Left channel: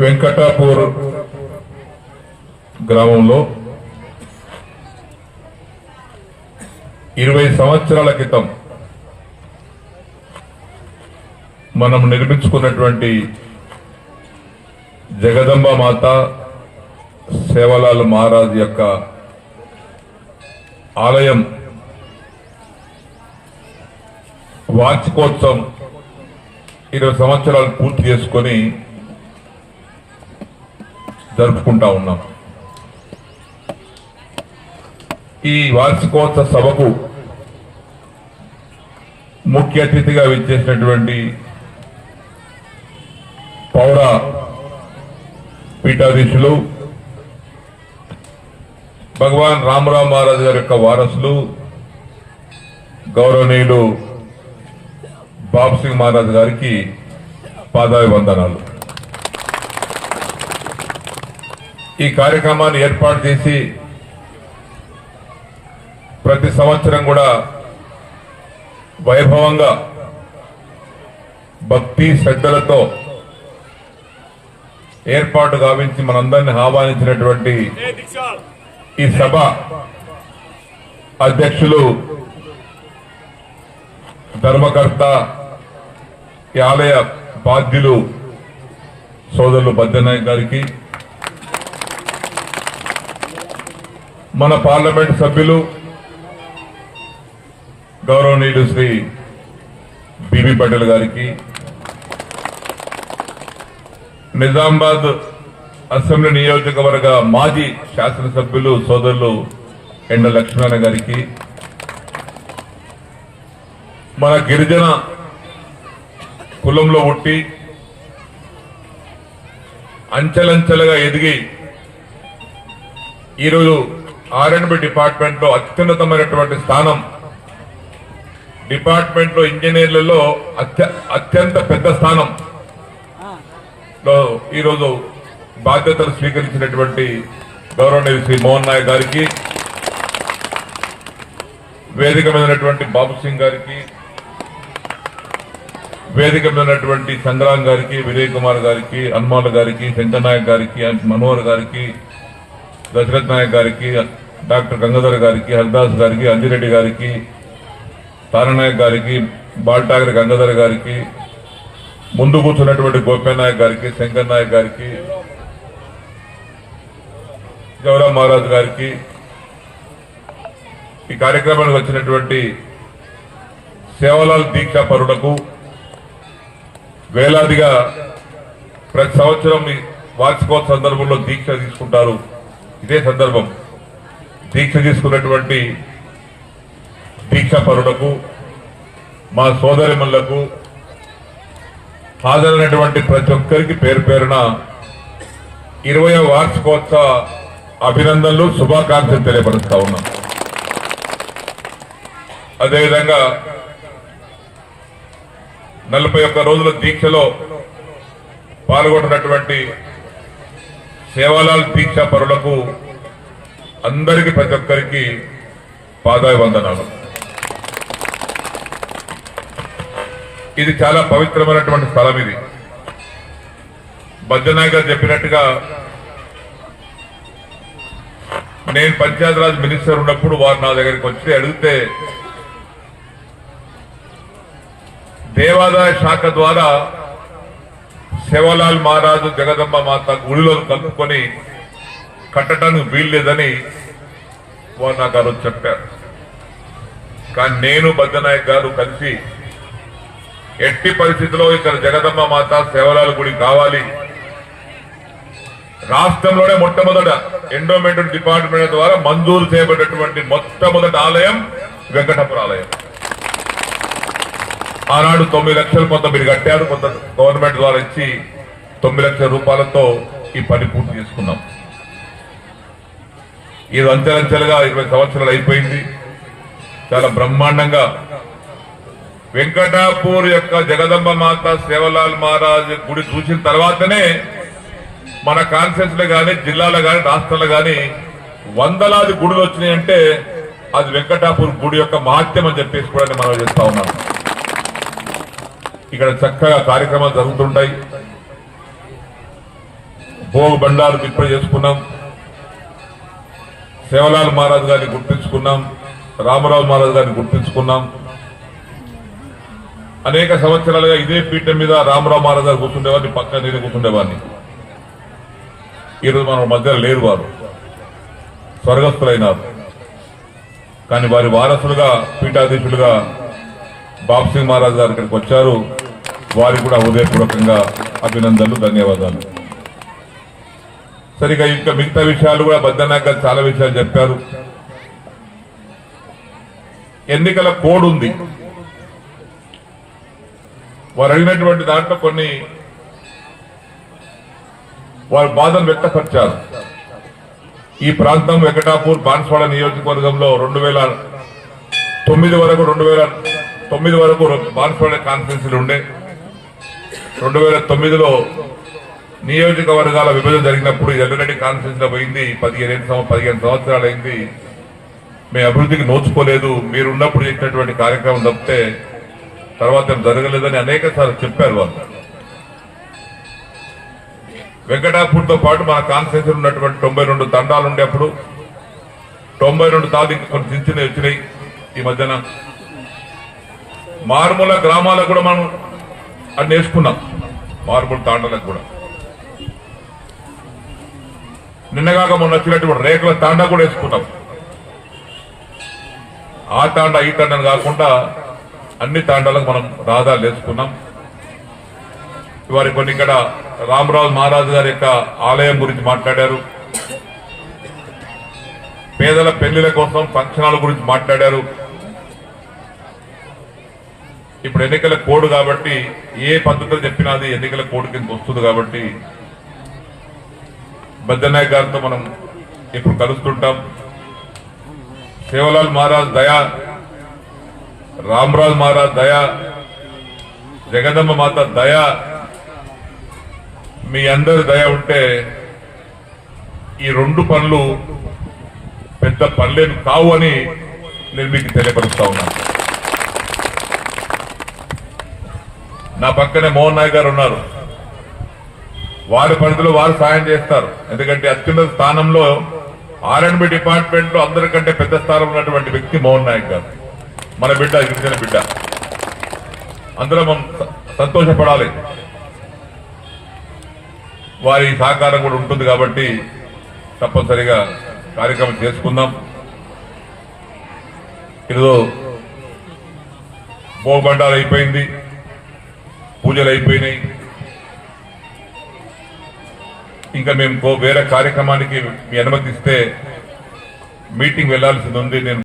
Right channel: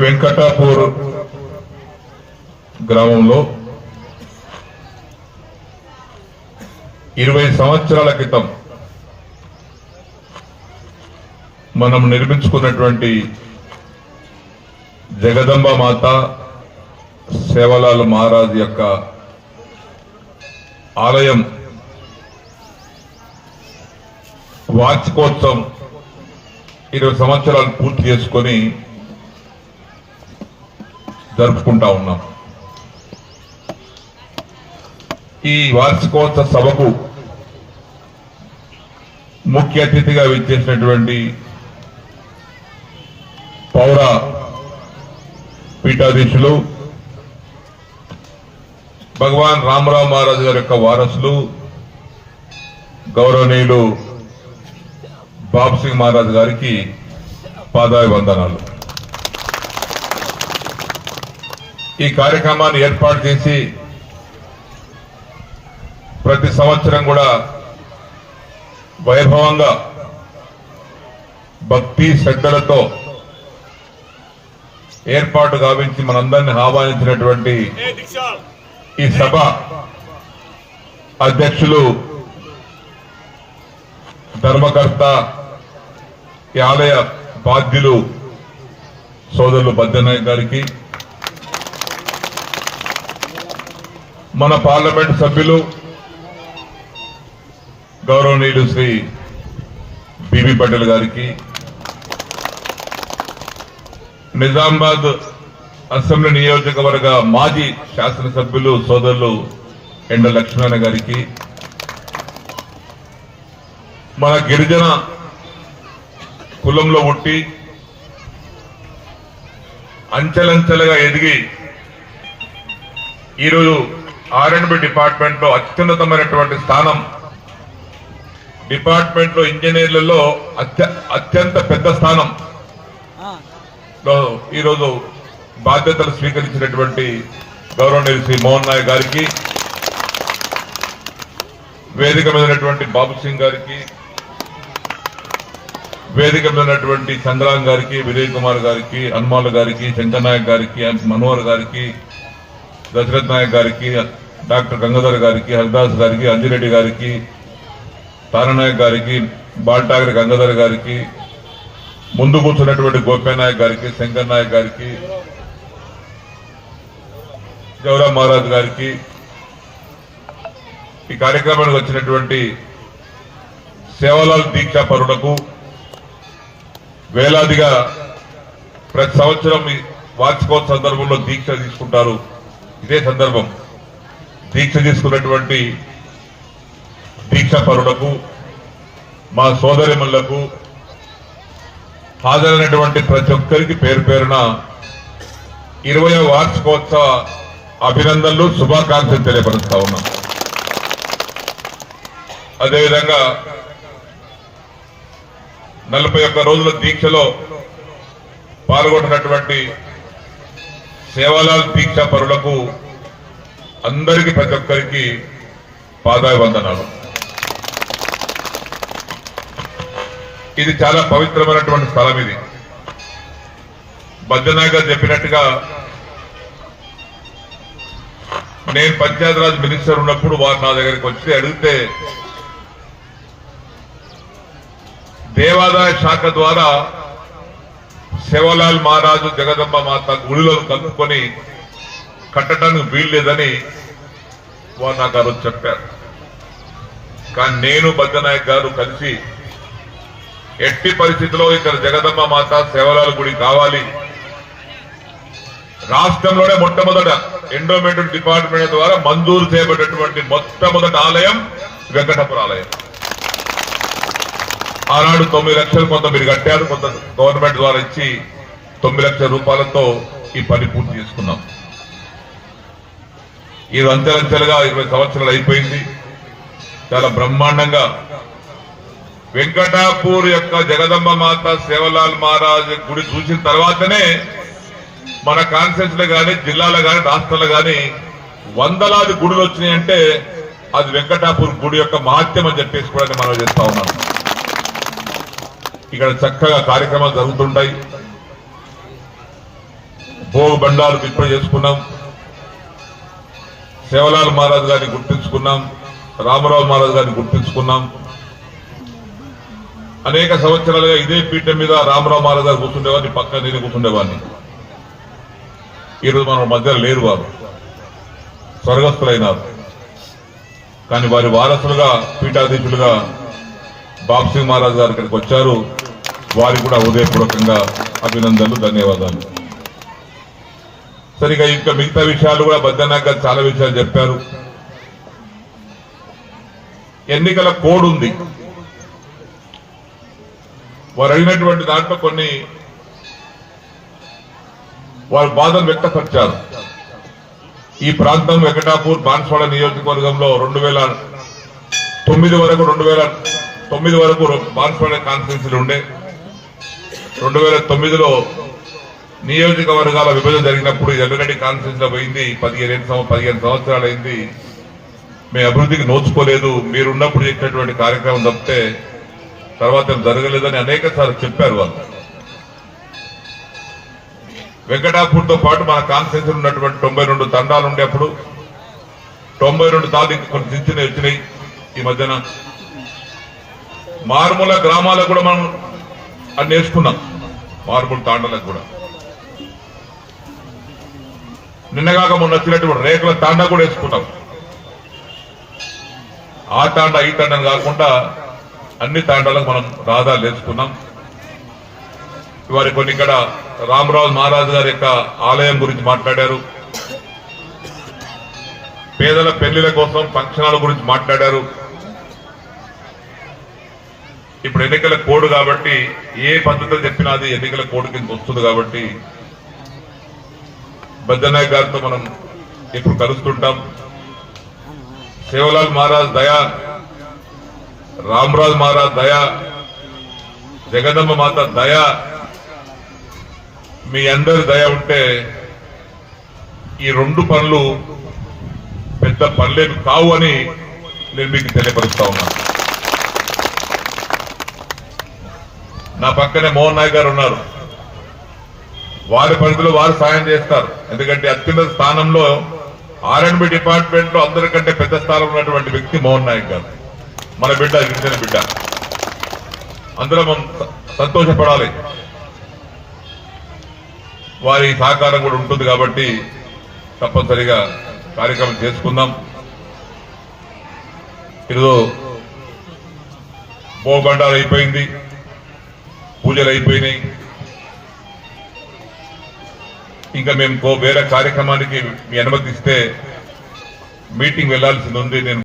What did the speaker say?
వెంకటాపూర్ గ్రామంలో 20 సంవత్సరాల క్రితం మనం నిర్మించుకున్నటువంటి జగదంబ మాత సేవలాల్ మహారాజ్ యొక్క ఆలయం వార్షికోత్సవం 20 సంవత్సరాలు పూర్తి చేసుకొని జరుపుకుంటా ఉన్నాం. ఈ వార్షికోత్సవ సభకు ముఖ్య అతిథిగా విచ్చేసినటువంటి పౌర పీఠాధీశులు భగవాన్ రామరావు మహారాజు గారి యొక్క వారసులు గౌరవనీయులు బాబు సింగ్ మహారాజ్ గారికి పాదాభివందనాలు. ఈ కార్యక్రమాన్ని ఏర్పాటు చేసి ప్రతి సంవత్సరం కూడా వైభవంగా భక్తి శ్రద్ధలతో ఏర్పాటు గావించి మనందరినీ ఆహ్వానించినటువంటి ఈ సభ అధ్యక్షులు ధర్మకర్త ఈ ఆలయ బాధ్యులు సోదరులు బద్దనాయక్ గారికి, మన పార్లమెంట్ సభ్యులు గౌరవనీయులు శ్రీ బీబీ పటేల్ గారికి, నిజామాబాద్ అసెంబ్లీ నియోజకవర్గ మాజీ శాసనసభ్యులు సోదరులు ఎండ లక్ష్మణ గారికి, మన గిరిజన కులంలో పుట్టి అంచెలంచెలుగా ఎదిగి ఈరోజు R&B డిపార్ట్మెంట్ లో అత్యున్నతమైనటువంటి స్థానం, డిపార్ట్మెంట్ లో ఇంజనీర్లలో అత్యంత పెద్ద స్థానం లో ఈరోజు బాధ్యతలు స్వీకరించినటువంటి గౌరవనీయులు శ్రీ మోహన్ నాయక్ గారికి, వేదిక మీద ఉన్నటువంటి బాబు సింగ్ గారికి, వేదిక మీద ఉన్నటువంటి చంద్రాంగ్ గారికి, విజయ్ కుమార్ గారికి, హనుమాన్ గారికి, శంకర్ నాయక్ గారికి, మనోహర్ గారికి, దశరథ్ నాయక్ గారికి, డాక్టర్ గంగాధర్ గారికి, హరిదాస్ గారికి, అంజిరెడ్డి గారికి, తారనాయక్ గారికి, బాల్టాగర్ గంగాధర్ గారికి, ముందు కూర్చున్నటువంటి గోపే నాయక్ గారికి, శంకర్ నాయక్ గారికి, జవరాం మహారాజ్ గారికి, ఈ కార్యక్రమానికి వచ్చినటువంటి సేవలాల్ దీక్షా పరులకు వేలాదిగా ప్రతి సంవత్సరం వార్షికోత్సవ సందర్భంలో దీక్ష తీసుకుంటారు. ఇదే సందర్భం దీక్ష తీసుకున్నటువంటి దీక్షా పరులకు, మా సోదరిమణులకు, హాజరైనటువంటి ప్రతి ఒక్కరికి పేరు పేరున 20వ వార్షికోత్సవ అభినందనలు, శుభాకాంక్షలు తెలియపరుస్తా ఉన్నాం. అదేవిధంగా 41 రోజుల దీక్షలో పాల్గొంటున్నటువంటి సేవాలాల్ దీక్షా పరులకు అందరికీ ప్రతి ఒక్కరికి పాదాభివందనాలు. ఇది చాలా పవిత్రమైనటువంటి స్థలం. ఇది బద్దనాయక్ గారు చెప్పినట్టుగా నేను పంచాయతీరాజ్ మినిస్టర్ ఉన్నప్పుడు వారు నా దగ్గరికి వచ్చి అడిగితే దేవాదాయ శాఖ ద్వారా సేవలాల్ మహారాజు జగదంబ మాత గుడిలో కలుపుకొని కట్టడానికి వీల్లేదని వారు నాకు ఆ రోజు చెప్పారు. కానీ నేను బద్దనాయక్ గారు కలిసి ఎట్టి పరిస్థితిలో ఇక్కడ జగదంబ మాత సేవలాల్ గుడి కావాలి, రాష్ట్రంలోనే మొట్టమొదట ఎండోమెంట్ డిపార్ట్మెంట్ ద్వారా మంజూరు చేయబడినటువంటి మొట్టమొదటి ఆలయం వెంకటాపురం ఆలయం. ఆనాడు 9 లక్షలు కొంత మీరు కట్టారు, కొంత గవర్నమెంట్ ద్వారా ఇచ్చి 9 లక్షల రూపాయలతో ఈ పని పూర్తి చేసుకున్నాం. ఇది అంచెలంచెలుగా 20 సంవత్సరాలు అయిపోయింది. చాలా బ్రహ్మాండంగా వెంకటాపూర్ యొక్క జగదంబ మాత సేవలాల్ మహారాజ్ గుడి చూసిన తర్వాతనే మన కాన్స్టిట్యూన్స్ లో గానీ, జిల్లాలో గానీ, రాష్ట్రంలో గానీ వందలాది గుడులు వచ్చినాయంటే అది వెంకటాపూర్ గుడి యొక్క మహత్యం అని చెప్పేసి కూడా మనం చేస్తా ఉన్నాం. ఇక్కడ చక్కగా కార్యక్రమాలు జరుగుతుంటాయి. భోగ్ బండారు ఇప్పుడు చేసుకున్నాం, సేవలాల్ మహారాజ్ గారిని గుర్తించుకున్నాం, రామరావు మహారాజ్ గారిని గుర్తించుకున్నాం. అనేక సంవత్సరాలుగా ఇదే పీఠం మీద రామరావు మహారాజ్ గారు కూర్చుండేవాడిని, పక్కన నేను కూర్చుండేవాడిని. ఈరోజు మన మధ్య లేరు, వారు స్వర్గస్థులైనారు. కానీ వారి వారసులుగా పీఠాధీశులుగా బాబ్ సింగ్ మహారాజ్ గారు ఇక్కడికి వచ్చారు. వారికి కూడా హృదయపూర్వకంగా అభినందనలు, ధన్యవాదాలు. సరిగా ఇంకా మిగతా విషయాలు కూడా బద్దనాయక్ గారు చాలా విషయాలు చెప్పారు. ఎన్నికల కోడ్ ఉంది, వారు అడిగినటువంటి దాంట్లో కొన్ని వారు బాధను వ్యక్తపరిచారు. ఈ ప్రాంతం వెంకటాపూర్ బాన్స్వాడ నియోజకవర్గంలో 2009 వరకు బాన్స్వాడ కాన్ఫరెన్స్లు ఉండే. 2009లో నియోజకవర్గాల విభజన జరిగినప్పుడు ఎర్రగడ్డి కాన్ఫరెన్స్ లో పోయింది. 15 సంవత్సరాలు అయింది. మేము అభివృద్ధికి నోచుకోలేదు, మీరున్నప్పుడు చేసినటువంటి కార్యక్రమం తప్పితే తర్వాత జరగలేదని అనేక సార్లు చెప్పారు వాళ్ళు. వెంకటాపూర్ తో పాటు మన కాన్ఫరెన్స్ ఉన్నటువంటి 92 తండాలు ఉండే అప్పుడు 92 తాలు ఇంకా కొన్ని చిన్న వచ్చినాయి. ఈ మధ్యన మారుమూల గ్రామాలకు కూడా మనం అన్ని వేసుకున్నాం, మారుమూల తాండాలకు కూడా. నిన్నగాక మొన్న వచ్చినటువంటి రేకుల తాండా కూడా వేసుకున్నాం. ఆ తాండా ఈ తాండాను కాకుండా అన్ని తాండాలకు మనం రహదారులు వేసుకున్నాం. వారి కొన్ని ఇక్కడ రామరావు మహారాజు గారి యొక్క ఆలయం గురించి మాట్లాడారు, పేదల పెళ్లిల కోసం ఫంక్షనాల గురించి మాట్లాడారు. ఇప్పుడు ఎన్నికల కోడ్ కాబట్టి ఏ పద్ధతిలో చెప్పినా అది ఎన్నికల కోడ్ కింద వస్తుంది కాబట్టి బద్దనాయక్ గారితో మనం ఇప్పుడు కలుస్తుంటాం. సేవలాల్ మహారాజ్ దయా, రామరాజ్ మహారాజ్ దయా, జగదమ్మ మాత దయా, మీ అందరి దయ ఉంటే ఈ 2 పనులు పెద్ద పనులేమి కావు అని నేను మీకు తెలియపరుస్తా ఉన్నాను. నా పక్కనే మోహన్ నాయక్ గారు ఉన్నారు. వారి పరిధిలో వారు సాయం చేస్తారు. ఎందుకంటే అత్యున్నత స్థానంలో R&B డిపార్ట్మెంట్ లో అందరికంటే పెద్ద స్థానంలో ఉన్నటువంటి వ్యక్తి మోహన్ నాయక్ గారు. మన బిడ్డ, గిరిజన బిడ్డ. అందులో మనం సంతోషపడాలి. వారి సహకారం కూడా ఉంటుంది కాబట్టి తప్పనిసరిగా కార్యక్రమం చేసుకుందాం. ఈరోజు భోగబండారు అయిపోయింది, పూజలు అయిపోయినాయి. ఇంకా మేము వేరే కార్యక్రమానికి మీ అనుమతి ఇస్తే మీటింగ్ వెళ్లాల్సింది ఉంది. నేను